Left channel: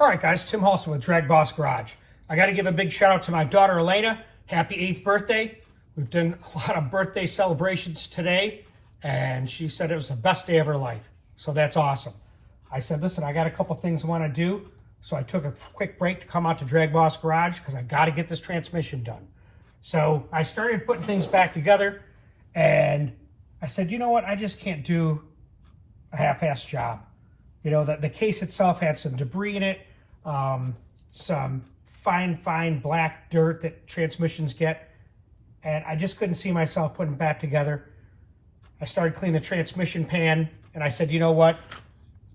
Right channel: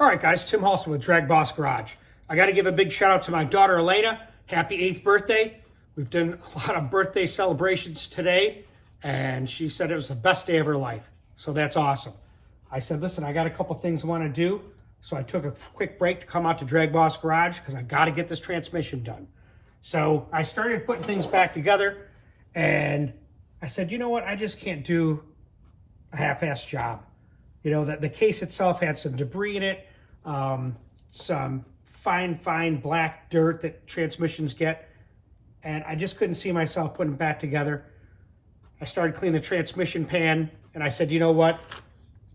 All right, guys, Tim Halston with DragBoss Garage. I got to give a big shout out to my daughter, Elena. Happy 8th birthday. We've done a lot of birthday celebrations today, and she said it was the best day of her life. So that's awesome. I said, listen, I got a couple things I want to do. So I took a quick break to come out to DragBoss Garage because I got to get this transmission done. So I started putting things back together, and I said, you know what? I just can't do a half-assed job. You know, the case itself had some debris in it, some fine black dirt that transmissions get, and I just couldn't see myself putting it back together. I started cleaning the transmission pan, and I said, you know what?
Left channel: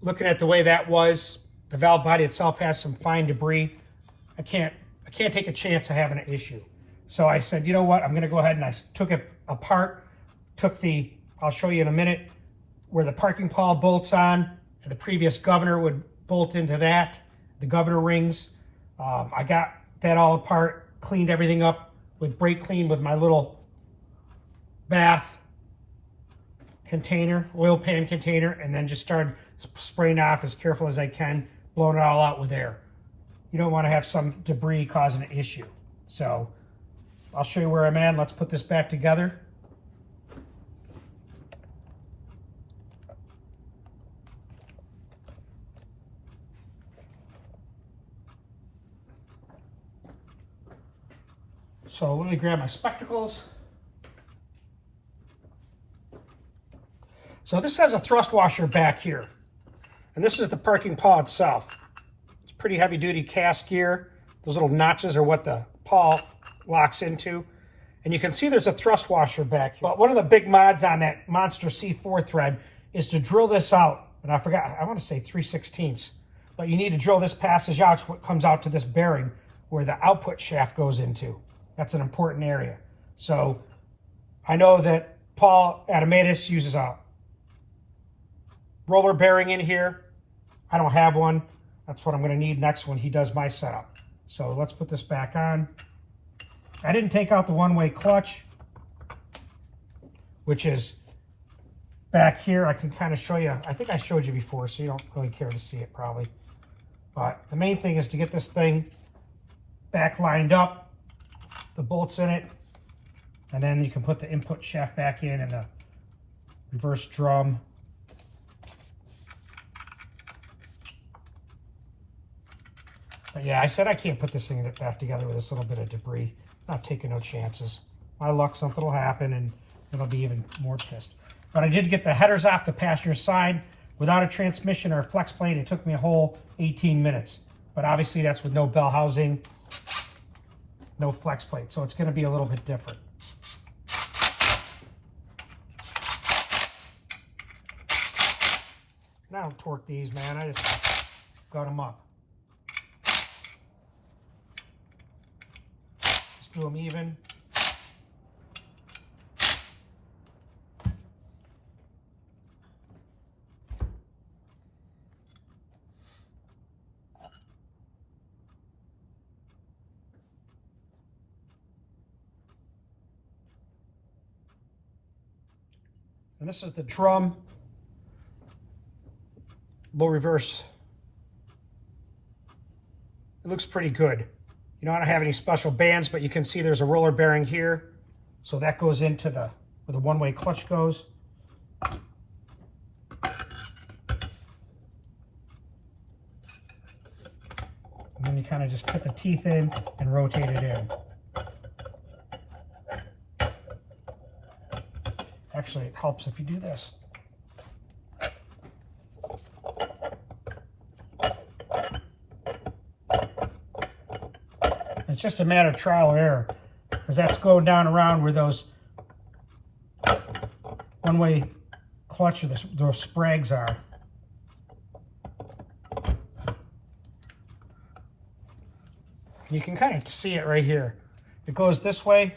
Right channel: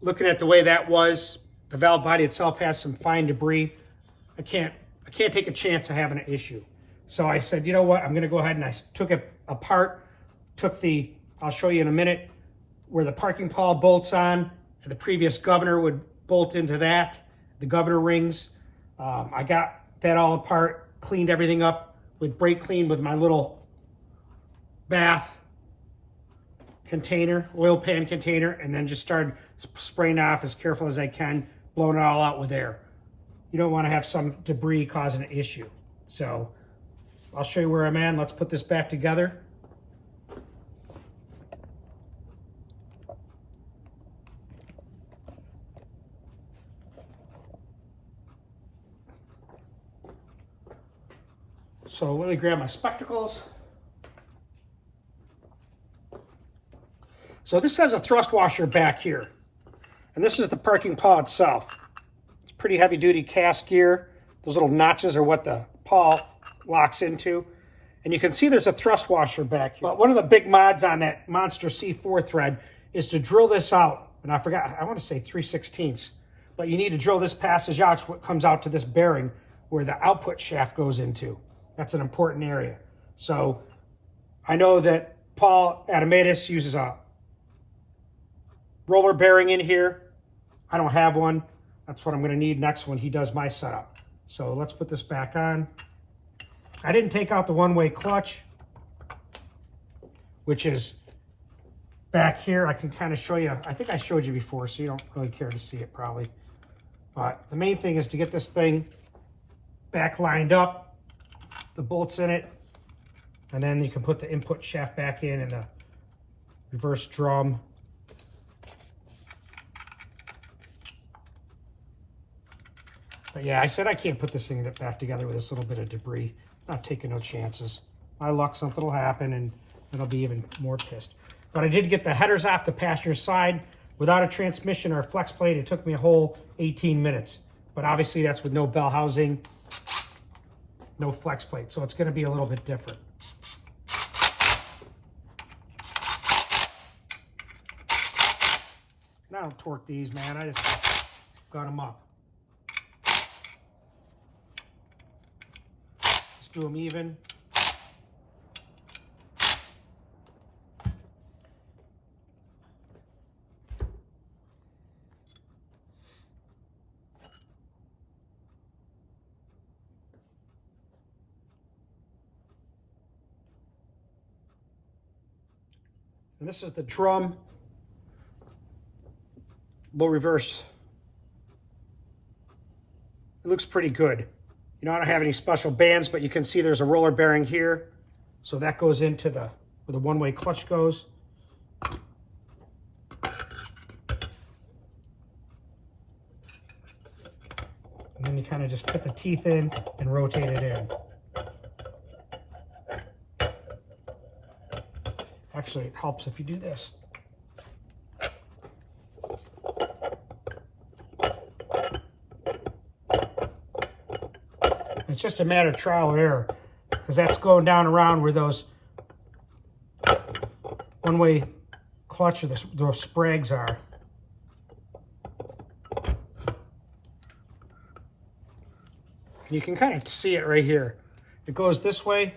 Looking at the way that was, the valve body itself has some fine debris. I can't take a chance of having an issue. So I said, you know what? I'm going to go ahead and I took it apart, I'll show you in a minute, where the parking pawl bolts on. The previous governor would bolt into that, the governor rings. I got that all apart, cleaned everything up with brake clean with my little bath container, oil pan container, and then just started spraying off as careful as I can, blowing it all out with air. You don't want to have some debris causing an issue. So I'll show you where I'm at. Let's put this back together. So let me grab my spectacles. So this has a thrust washer back here. And this is the parking pawl itself. It's pretty heavy duty cast gear. Those little notches are what the pawl locks into. And you can see there's a thrust washer back here. But one of the big mods on that Monster C4 thread is to drill this out. And I forgot, I want to say 3/16. But you need to drill this passage out, what comes out to this bearing where the output shaft goes into. That's an important area. So I know that Paul Adamatis uses a roller bearing in here. I don't have one. That's what I'm going to need next when he does my setup. So let's put this back on. I didn't take out the one-way clutch, which is back here. I can kind of show you. I think I showed you before, so you don't really care to see it probably. But the main thing is to get this thing back lined up, the bolts in it, and then you can put the input shaft back in and the reverse drum. But yeah, I said I can't put this thing back together with this little bit of debris. I'm not taking no chances. My luck, something will happen and it'll be even more pissed. But I did get the headers off the passenger side without a transmission or a flex plate. It took me a whole 18 minutes. But obviously that's with no bell housing, no flex plate. So it's going to be a little bit different. I don't torque these, man. I just got them up. Just do them even. And this is the drum, low reverse. It looks pretty good. You know, I don't have any special bands, but you can see there's a roller bearing here. So that goes into where the one-way clutch goes. And then you kind of just fit the teeth in and rotate it in. Actually, it helps if you do this. It's just a matter of trial and error, because that's going down around where those one-way clutch or those sprags are. You can kind of see it right here. It goes this way,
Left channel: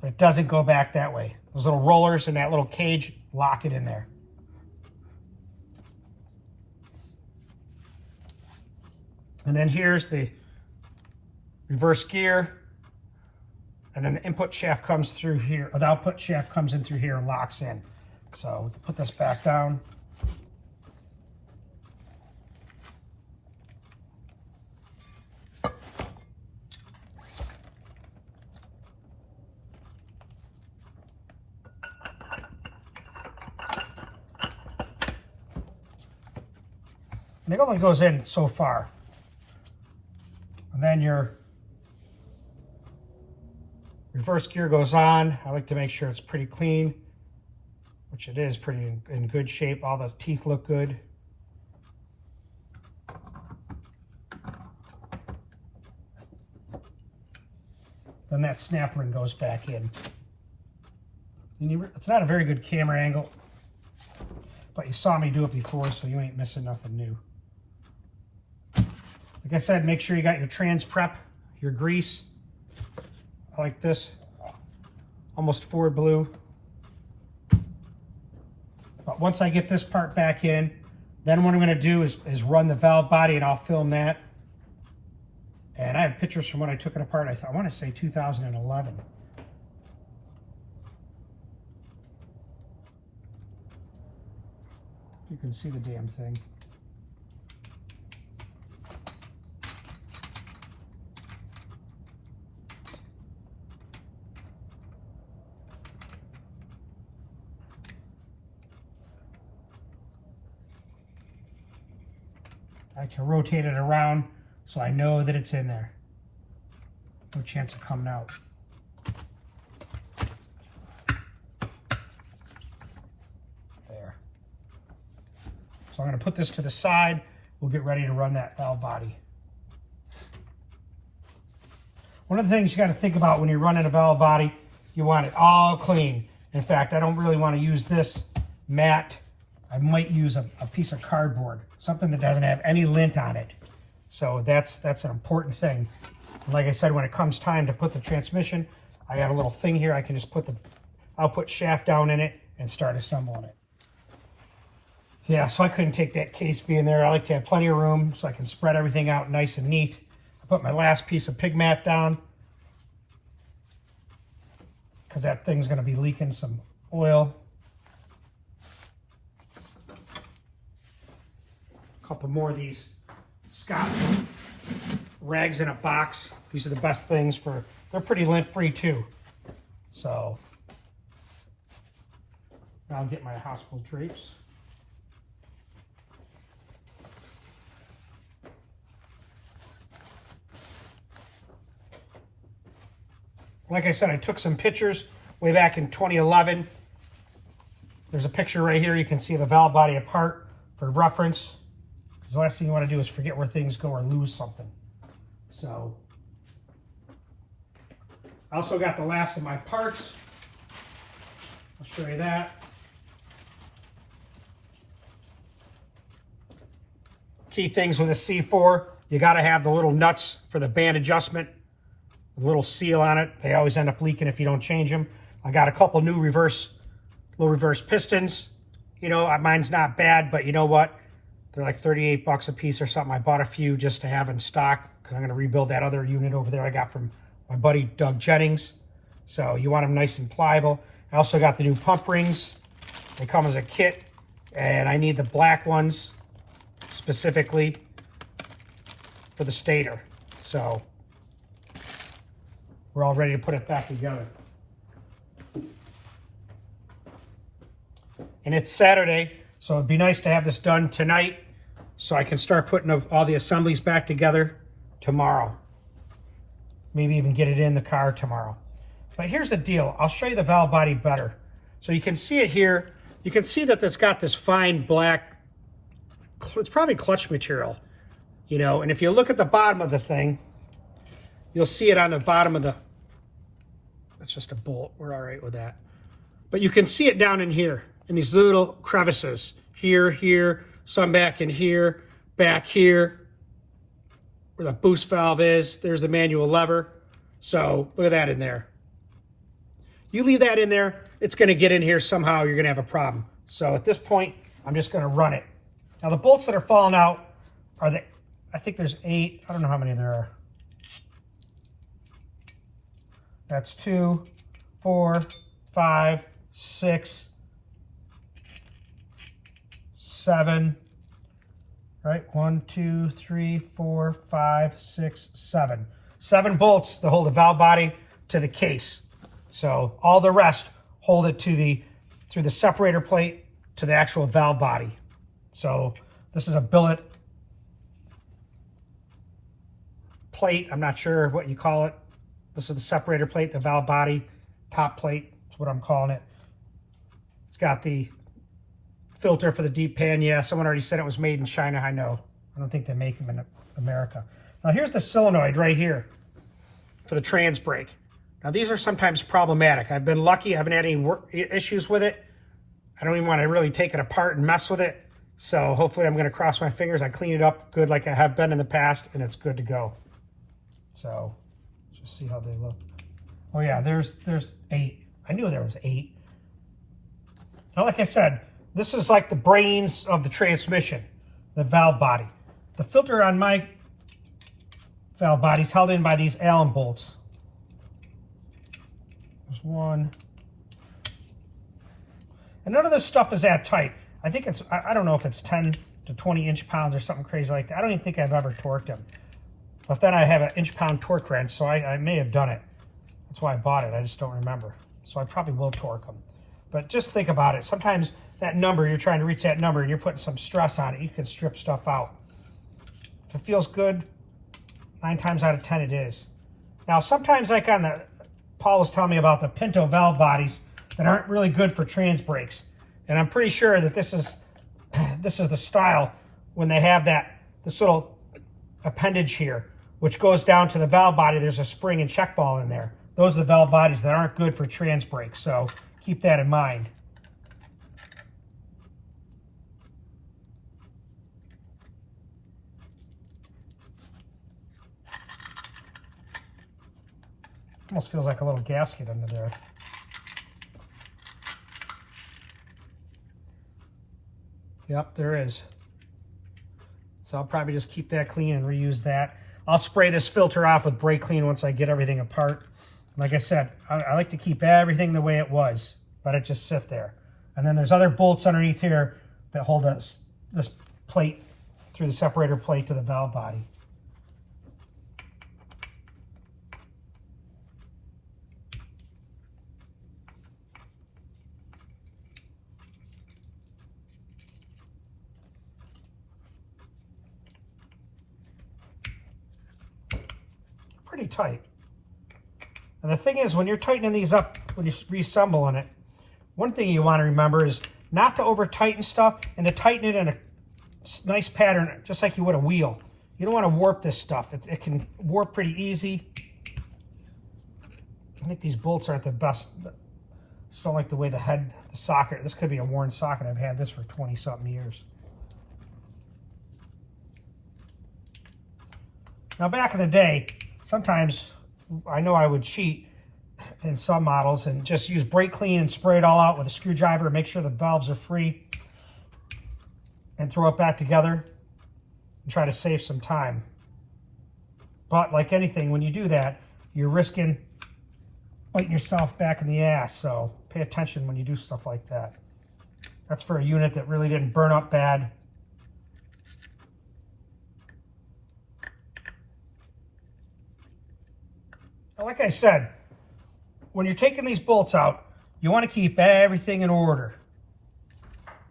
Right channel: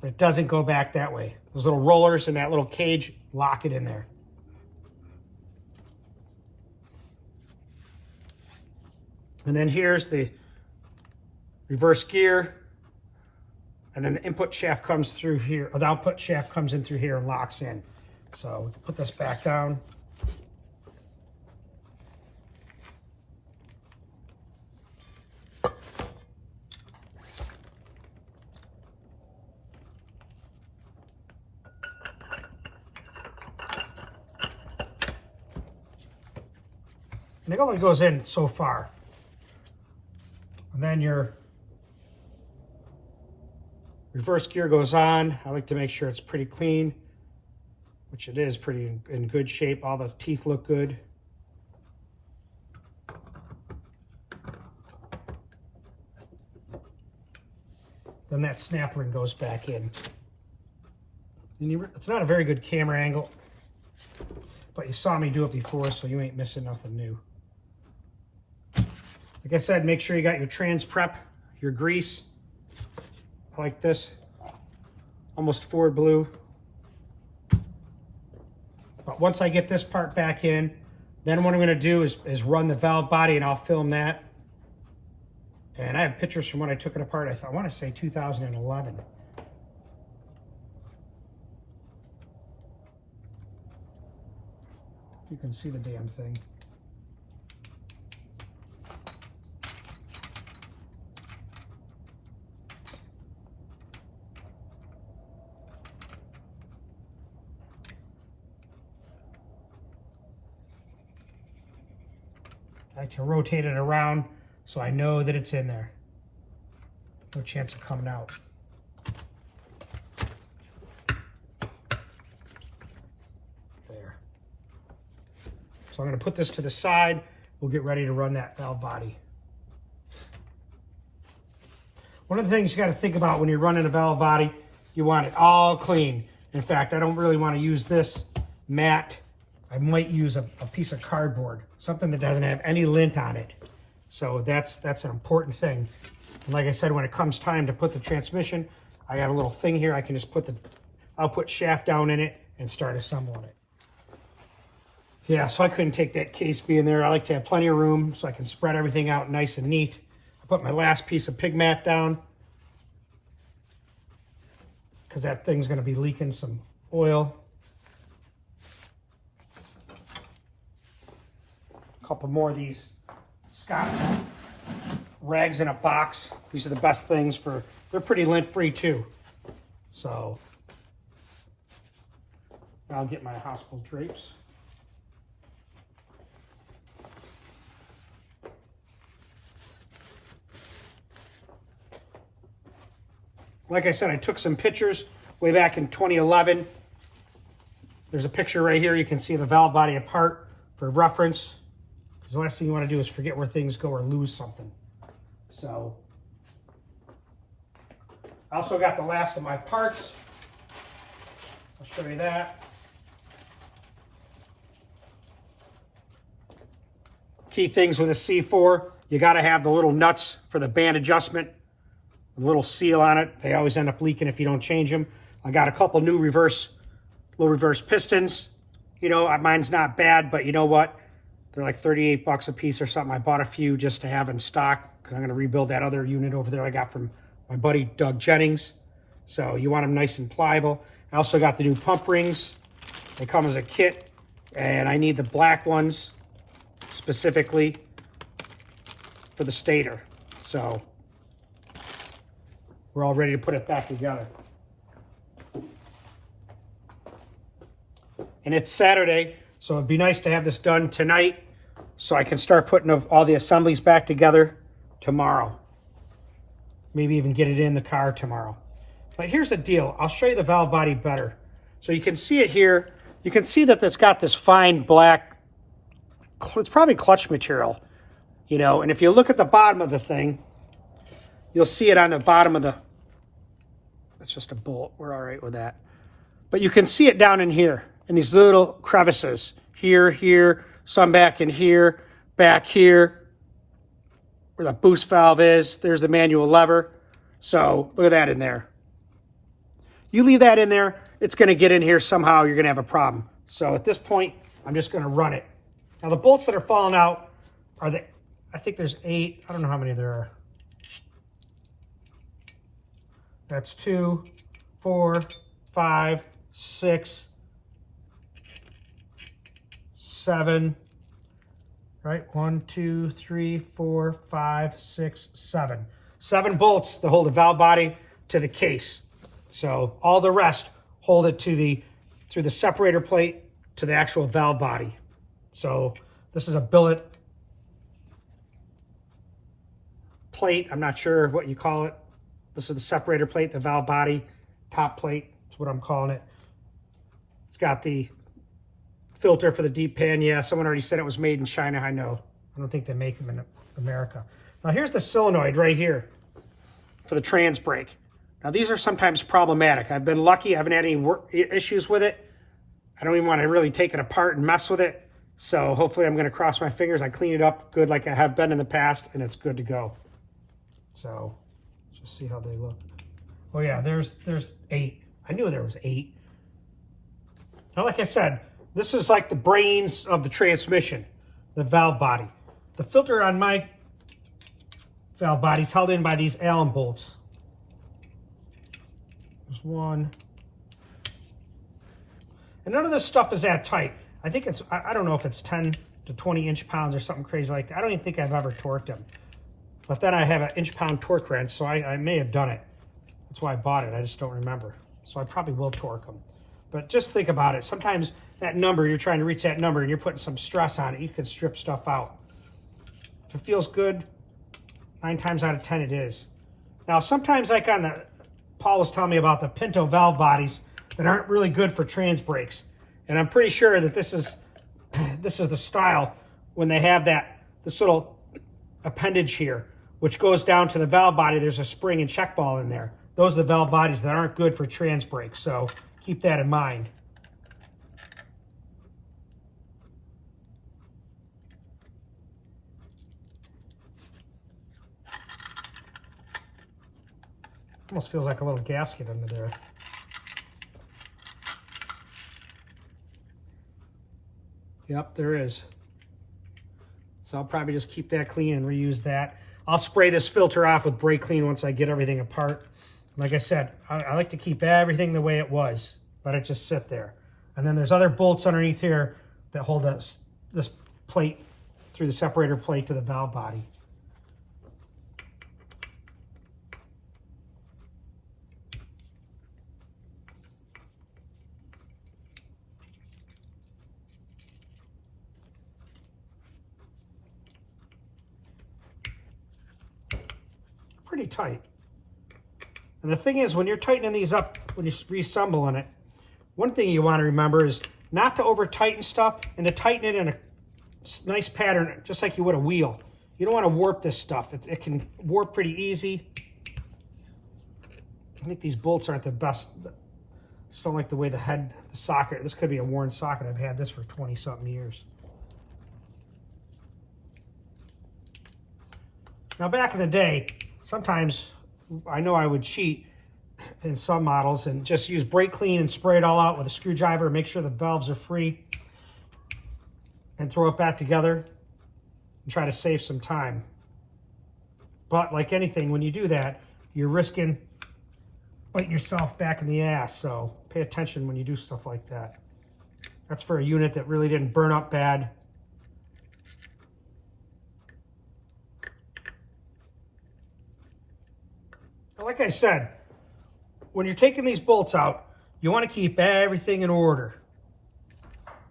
but it doesn't go back that way. Those little rollers in that little cage lock it in there. And then here's the reverse gear. And then the input shaft comes through here, or the output shaft comes in through here and locks in. So we can put this back down. And it only goes in so far. And then your reverse gear goes on. I like to make sure it's pretty clean, which it is pretty in good shape. All the teeth look good. Then that snap ring goes back in. And it's not a very good camera angle, but you saw me do it before, so you ain't missing nothing new. Like I said, make sure you got your trans prep, your grease. I like this, almost Ford blue. But once I get this part back in, then what I'm gonna do is run the valve body, and I'll film that. And I have pictures from when I took it apart. I want to say 2011. You can see the damn thing. I like to rotate it around so I know that it's in there. No chance of coming out. There. So I'm going to put this to the side. We'll get ready to run that valve body. One of the things you got to think about when you're running a valve body, you want it all clean. In fact, I don't really want to use this matte. I might use a piece of cardboard, something that doesn't have any lint on it. So that's an important thing. And like I said, when it comes time to put the transmission, I got a little thing here. I can just put the output shaft down in it and start assembling it. Yeah, so I couldn't take that case being there. I like to have plenty of room so I can spread everything out nice and neat. I put my last piece of pig mat down because that thing's going to be leaking some oil. A couple more of these Scott rags in a box. These are the best things for, they're pretty lint free too. So I'll get my hospital drapes. Like I said, I took some pictures way back in 2011. There's a picture right here. You can see the valve body apart for reference. Because the last thing you want to do is forget where things go or lose something. So, I also got the last of my parts. I'll show you that. Key things with a C4, you got to have the little nuts for the band adjustment. A little seal on it. They always end up leaking if you don't change them. I got a couple new low reverse pistons. You know, mine's not bad, but you know what? They're like 38 bucks a piece or something. I bought a few just to have in stock because I'm going to rebuild that other unit over there I got from my buddy Doug Jennings. So you want them nice and pliable. I also got the new pump rings. They come as a kit, and I need the black ones specifically for the stator. So we're all ready to put it back together. And it's Saturday, so it'd be nice to have this done tonight so I can start putting all the assemblies back together tomorrow. Maybe even get it in the car tomorrow. But here's the deal. I'll show you the valve body better. So you can see it here. You can see that it's got this fine black, it's probably clutch material, you know, and if you look at the bottom of the thing, you'll see it on the bottom of the, that's just a bolt, we're all right with that. But you can see it down in here, in these little crevices. Here, here, some back in here, back here, where the boost valve is. There's the manual lever. So look at that in there. You leave that in there, it's gonna get in here somehow, you're gonna have a problem. So at this point, I'm just gonna run it. Now the bolts that are falling out are I think there's 8, I don't know how many there are. That's 2, 4, 5, 6, 7, right? 1, 2, 3, 4, 5, 6, 7. 7 bolts to hold the valve body to the case. So all the rest hold it to through the separator plate to the actual valve body. So this is a billet plate. I'm not sure what you call it. This is the separator plate, the valve body, top plate. That's what I'm calling it. It's got the filter for the deep pan. Yeah, someone already said it was made in China. I know. I don't think they make them in America. Now here's the solenoid right here for the trans brake. Now these are sometimes problematic. I've been lucky. I haven't had any issues with it. I don't even want to really take it apart and mess with it. So hopefully I'm going to cross my fingers. I clean it up good like I have been in the past, and it's good to go. So just see how they look. Oh yeah, there's 8. I knew there was 8. Now, like I said, this is like the brains of the transmission, the valve body. The filter on my valve body is held in by these Allen bolts. There's one. And none of this stuff is that tight. I think it's, I don't know if it's 10 to 20 inch-pounds or something crazy like that. I don't even think I've ever torqued them. But then I have an inch-pound torque wrench, so I may have done it. That's why I bought it. I just don't remember. So I probably will torque them. But just think about it. Sometimes that number, you're trying to reach that number and you're putting some stress on it. You can strip stuff out. If it feels good, 9 times out of 10 it is. Now, sometimes like on the, Paul was telling me about the Pinto valve bodies that aren't really good for trans brakes. And I'm pretty sure that this is the style when they have this little appendage here, which goes down to the valve body. There's a spring and check ball in there. Those are the valve bodies that aren't good for trans brakes. So keep that in mind. Almost feels like a little gasket under there. Yep, there is. So I'll probably just keep that clean and reuse that. I'll spray this filter off with brake clean once I get everything apart. Like I said, I like to keep everything the way it was. Let it just sit there. And then there's other bolts underneath here that hold this plate through the separator plate to the valve body. Pretty tight. And the thing is, when you're tightening these up, when you're reassembling it, one thing you want to remember is not to over tighten stuff and to tighten it in a nice pattern, just like you would a wheel. You don't want to warp this stuff. It can warp pretty easy. I think these bolts aren't the best. Just don't like the way the socket, this could be a worn socket. I've had this for 20 something years. Now back in the day, sometimes I know I would cheat in some models and just use brake clean and spray it all out with a screwdriver and make sure the valves are free and throw it back together and try to save some time. But like anything, when you do that, you're risking biting yourself back in the ass. So pay attention when you do stuff like that. That's for a unit that really didn't burn up bad. Like I said, when you're taking these bolts out, you want to keep everything in order.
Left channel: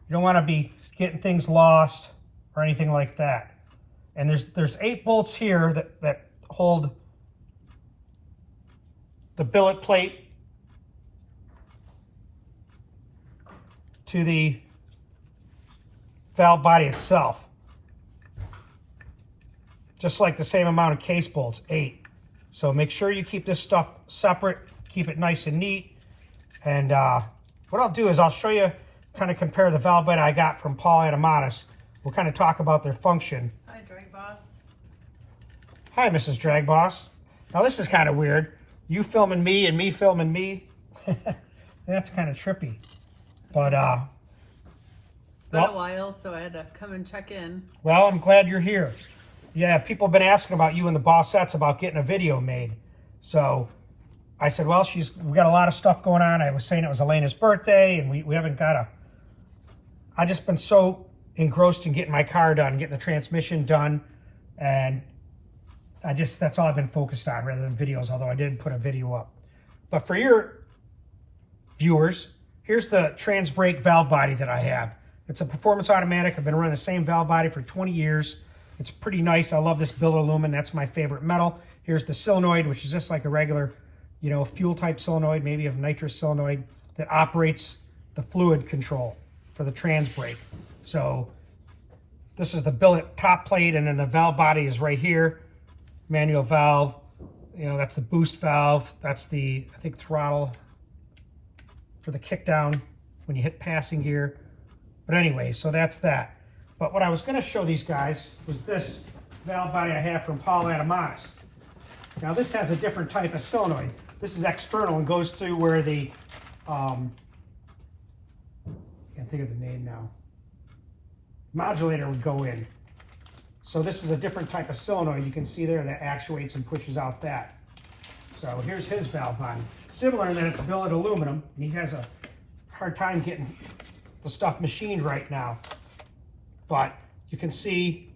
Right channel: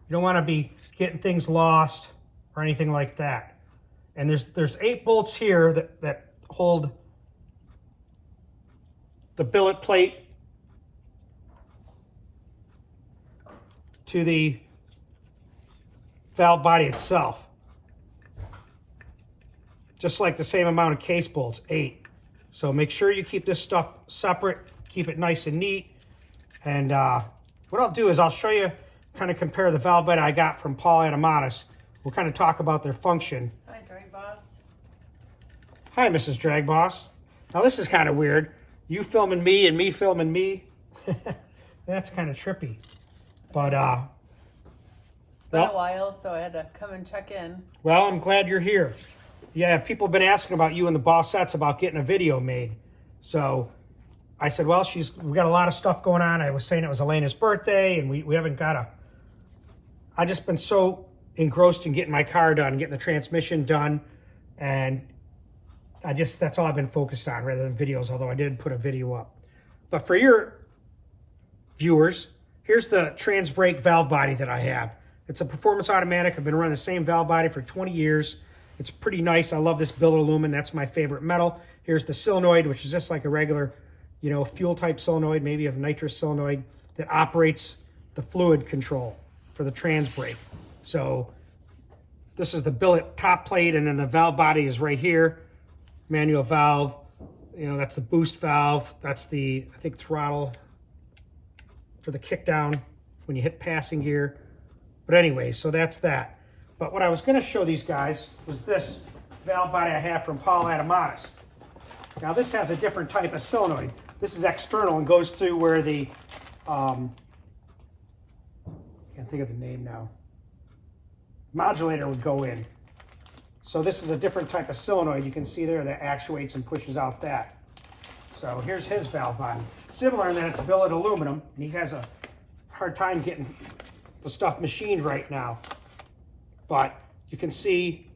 You don't want to be getting things lost or anything like that. And there's 8 bolts here that hold the billet plate to the valve body itself. Just like the same amount of case bolts, 8. So make sure you keep this stuff separate, keep it nice and neat. And what I'll do is I'll show you, kind of compare the valve body I got from Paul Adamatis. We'll kind of talk about their function. Hi, DragBoss. Hi, Mrs. DragBoss. Now this is kind of weird. You filming me and me filming me. That's kind of trippy. But it's been a while, so I had to come and check in. Well, I'm glad you're here. Yeah, people have been asking about you and the Bossettes about getting a video made. So I said, well, we got a lot of stuff going on. I was saying it was Elena's birthday, and we haven't got I've just been so engrossed in getting my car done, getting the transmission done, and that's all I've been focused on rather than videos, although I did put a video up. But for your viewers, here's the trans brake valve body that I have. It's a performance automatic. I've been running the same valve body for 20 years. It's pretty nice. I love this billet aluminum. That's my favorite metal. Here's the solenoid, which is just like a regular, you know, fuel type solenoid, maybe a nitrous solenoid that operates the fluid control for the trans brake. So this is the billet top plate, and then the valve body is right here. Manual valve, you know, that's the boost valve. That's the, I think, throttle for the kick down when you hit passing gear. But anyway, so that's that. But what I was going to show these guys was this valve body I have from Paul Adamanis. Now this has a different type of solenoid. This is external and goes through where the, I can't think of the name now, modulator would go in. So this is a different type of solenoid. You can see there that actuates and pushes out that. So here's his valve body. Similar in that it's billet aluminum, and he has a hard time getting the stuff machined right now. But you can see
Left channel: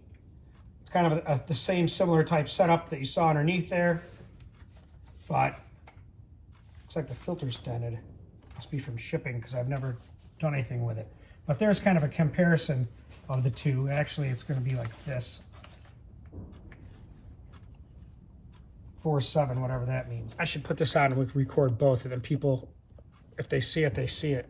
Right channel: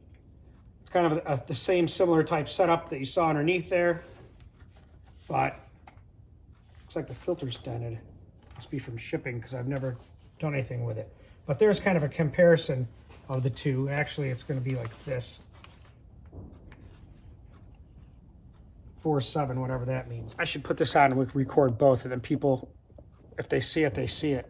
it's kind of the same similar type setup that you saw underneath there. But looks like the filter's dented. Must be from shipping because I've never done anything with it. But there's kind of a comparison of the two. Actually, it's going to be like this. 4.7, whatever that means. I should put this on and we can record both, and then people, if they see it, they see it.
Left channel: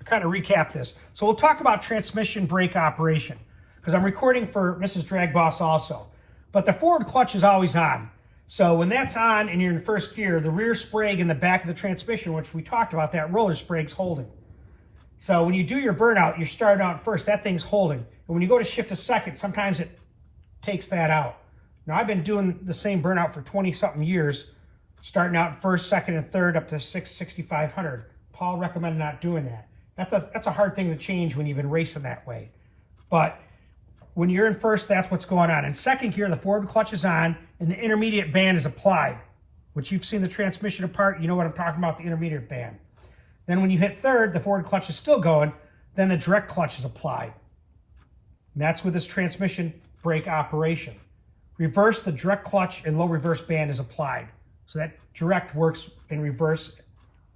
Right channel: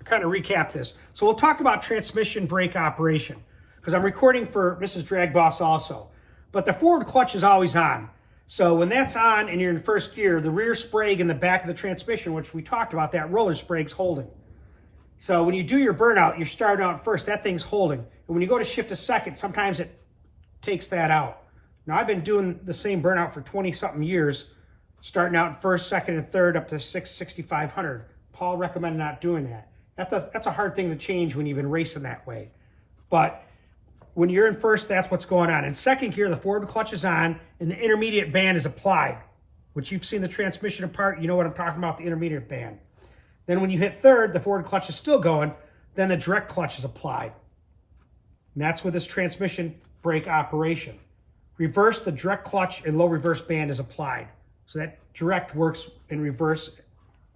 I'll kind of recap this. So we'll talk about transmission brake operation, because I'm recording for Mrs. DragBoss also. But the forward clutch is always on. So when that's on and you're in first gear, the rear sprag in the back of the transmission, which we talked about, that roller sprag's holding. So when you do your burnout, you're starting out first, that thing's holding. And when you go to shift to second, sometimes it takes that out. Now I've been doing the same burnout for 20-something years, starting out first, second, and third up to 6,500. Paul recommended not doing that. That's a hard thing to change when you've been racing that way. But when you're in first, that's what's going on. In second gear, the forward clutch is on and the intermediate band is applied, which you've seen the transmission apart. You know what I'm talking about, the intermediate band. Then when you hit third, the forward clutch is still going. Then the direct clutch is applied. And that's with this transmission brake operation. Reverse, the direct clutch and low reverse band is applied. So that direct works in reverse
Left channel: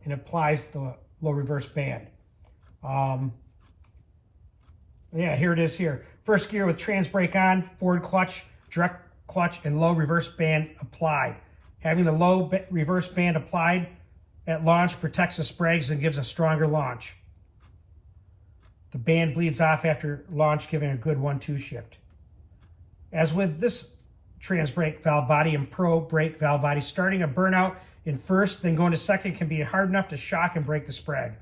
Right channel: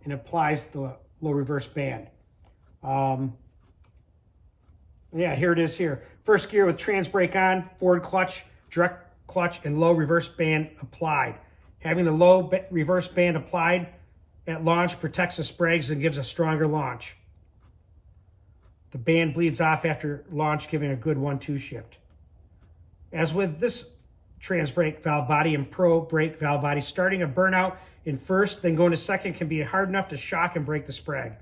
and applies the low reverse band. Yeah, here it is here. First gear with trans brake on, forward clutch, direct clutch, and low reverse band applied. Having the low reverse band applied at launch protects the sprags and gives a stronger launch. The band bleeds off after launch, giving a good 1-2 shift. As with this trans brake valve body and pro brake valve body, starting a burnout in first, then going to second can be hard enough to shock and break the sprag.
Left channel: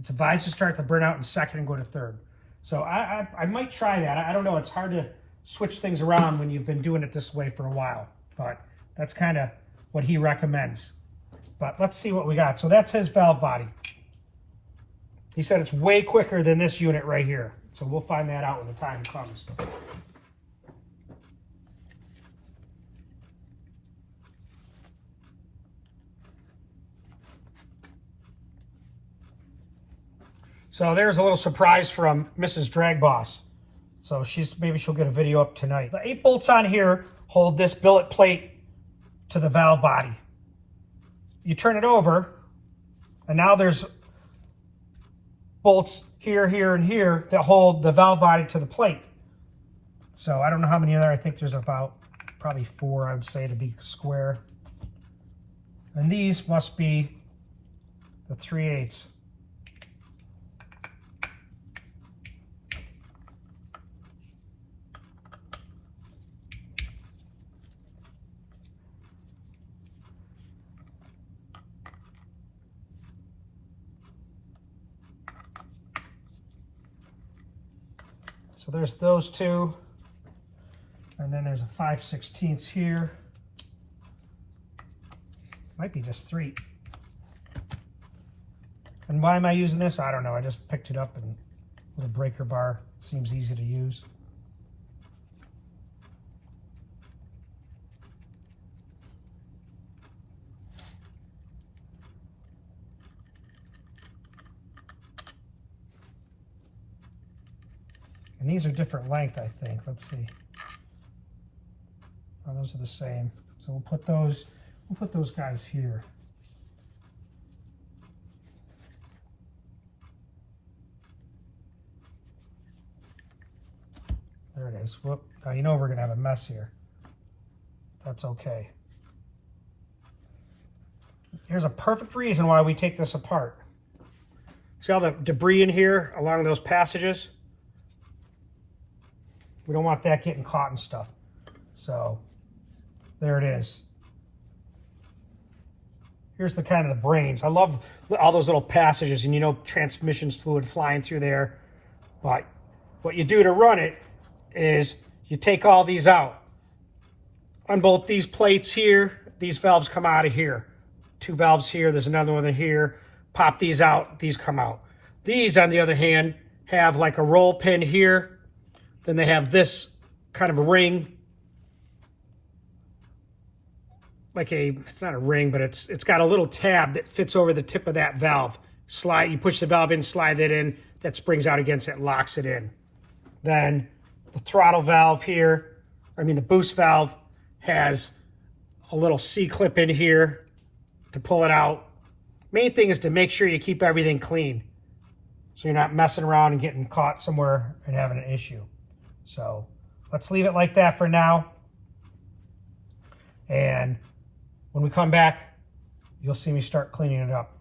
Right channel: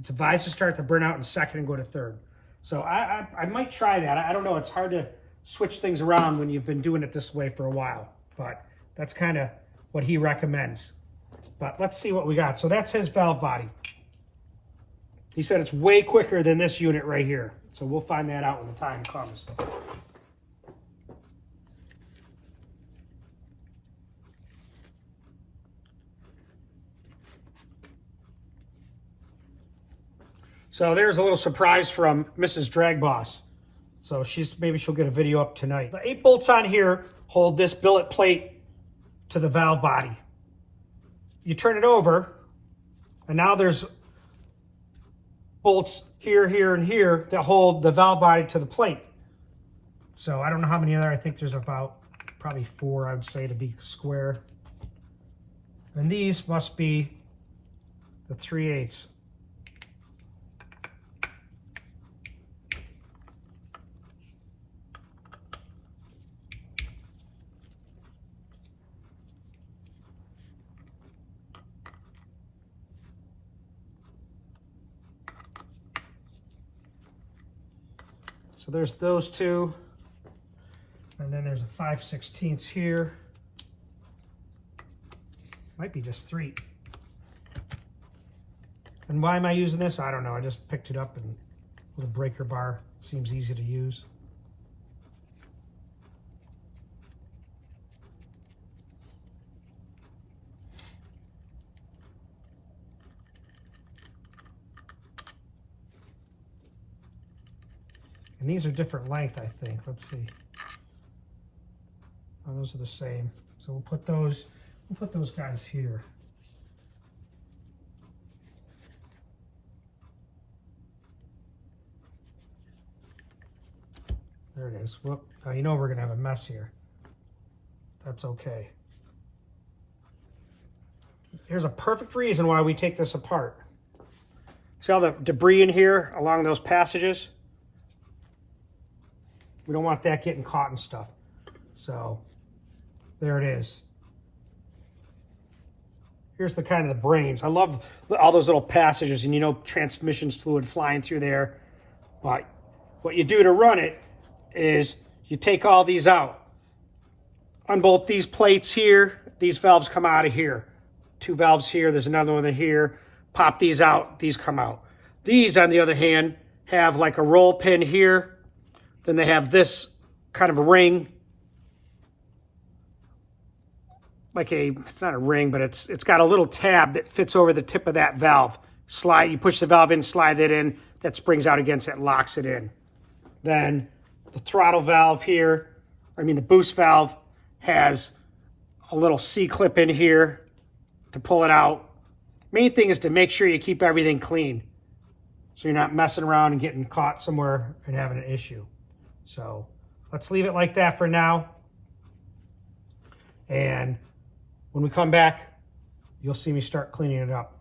It's advised to start the burnout in second and go to third. So I might try that. I don't know. It's hard to switch things around when you've been doing it this way for a while. But that's kind of what he recommends. But let's see what we got. So that's his valve body. He said it's way quicker than this unit right here. So we'll find that out when the time comes. So there's a little surprise from Mrs. DragBoss. So maybe she'll get a video up tonight. The 8 bolts on here hold this billet plate to the valve body. You turn it over, and now there's bolts here, here, and here that hold the valve body to the plate. So I don't know how many there. I think there's about probably 4, I would say, to be square. And these must be the 3/8. So there's those two, and then there's a 5/16 here. Might be just 3. And why am I using this? I don't know. I just picked it up, and little breaker bar seems easy to use. And these are different length, I think. Let's see. Oh, those are the same. So we'll put those guys here. There it is. is. Whoop. Now you know we're going to have a mess here. That's okay. Here's a perfect reason why we take this apart. See all the debris in here along those passages? We don't want that getting caught and stuff. So there it is. Here's the kind of the brains. I love all those little passages, and you know transmissions fluid flying through there. But what you do to run it is you take all these out. On both these plates here, these valves come out of here. 2 valves here, there's another one in here. Pop these out, these come out. These, on the other hand, have like a roll pin here. Then they have this kind of a ring. Like it's not a ring, but it's got a little tab that fits over the tip of that valve. You push the valve in, slide it in, that springs out against it and locks it in. Then the throttle valve here, the boost valve, has a little C-clip in here to pull it out. Main thing is to make sure you keep everything clean, so you're not messing around and getting caught somewhere and having an issue. So let's leave it like that for now. And when we come back, you'll see me start cleaning it up.